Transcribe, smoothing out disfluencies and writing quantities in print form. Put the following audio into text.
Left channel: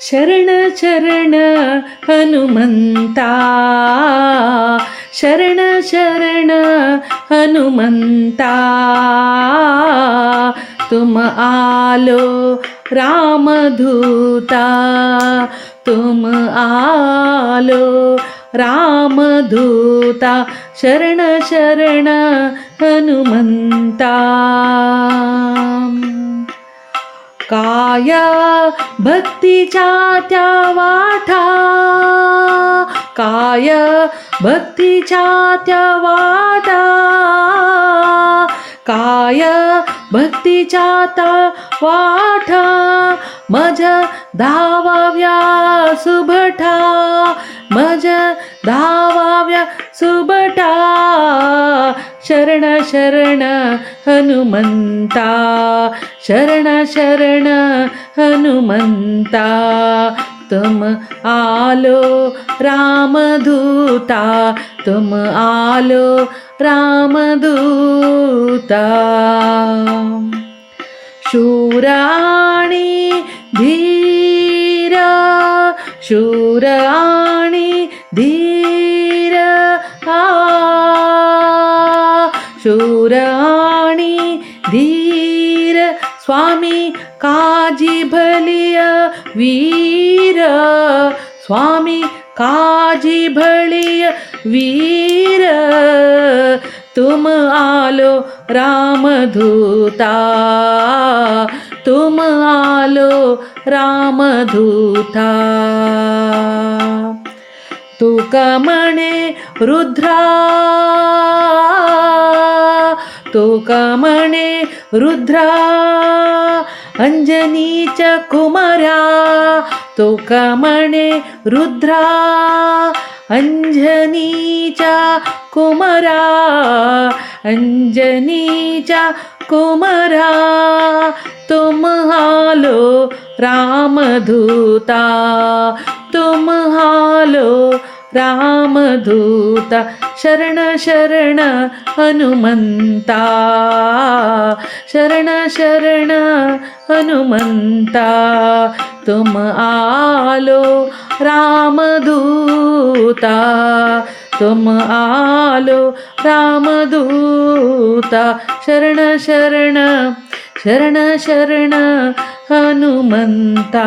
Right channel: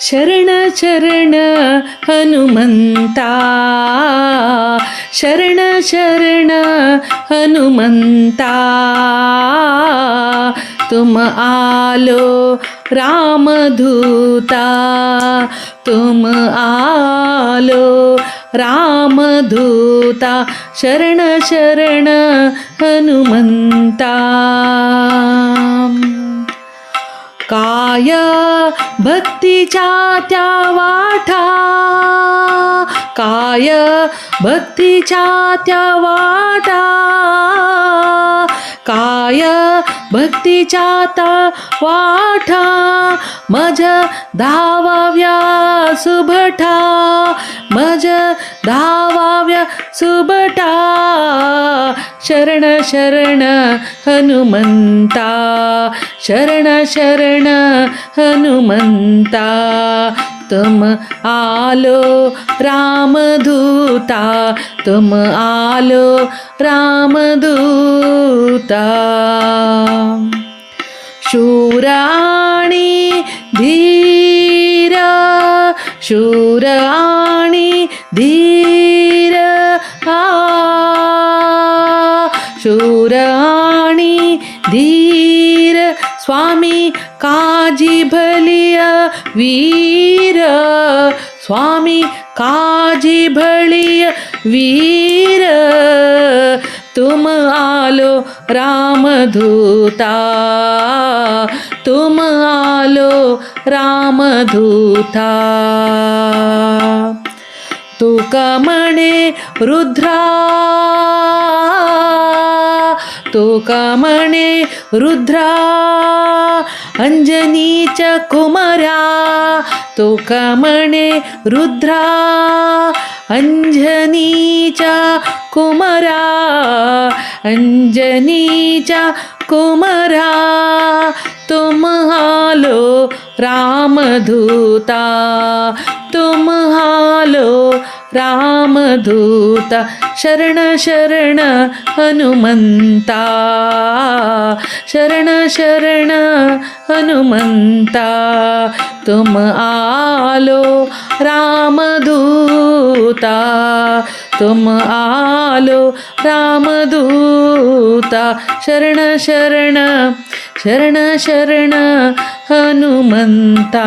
शरण शरण हनुमंता, शरण शरण हनुमंता, तुम आलो रामदूता, तुम आलो रामदूता, शरण शरण हनुमंता. काय भक्तीच्या त्या वाटा, काय भक्तीच्या त्या वाटा, काय भक्तीच्या त्या वाटा, माझ्या धावाव्या सुभटा, माझ्या धावाव्या सुभटा, शरण शरण हनुमंता, शरण शरण हनुमंता, तुम आलो रामदूता, तुम आलो रामदूता. शूर आणि धीर, शूर आणि धीर, शूर आणि धीर, स्वामी काजी भलिय वीर, स्वामी काजी भलिय वीर, तुम आलो रामदूता, तुम आलो रामदूता. तुका म्हणे रुद्रा, तुका म्हणे रुद्रा, अंजनीच्या कुमारा, तुका म्हणे रुद्रा, अंजनीच्या कुमारा, अंजनीच्या कुमारा, तुम आलो रामदूता, तुम आलो रामदूता, शरण शरण हनुमंता, शरण शरण हनुमंता, तुम आलो रामदूता, तुम आलो रामदूता, शरण शरण शरण शरण हनुमंता.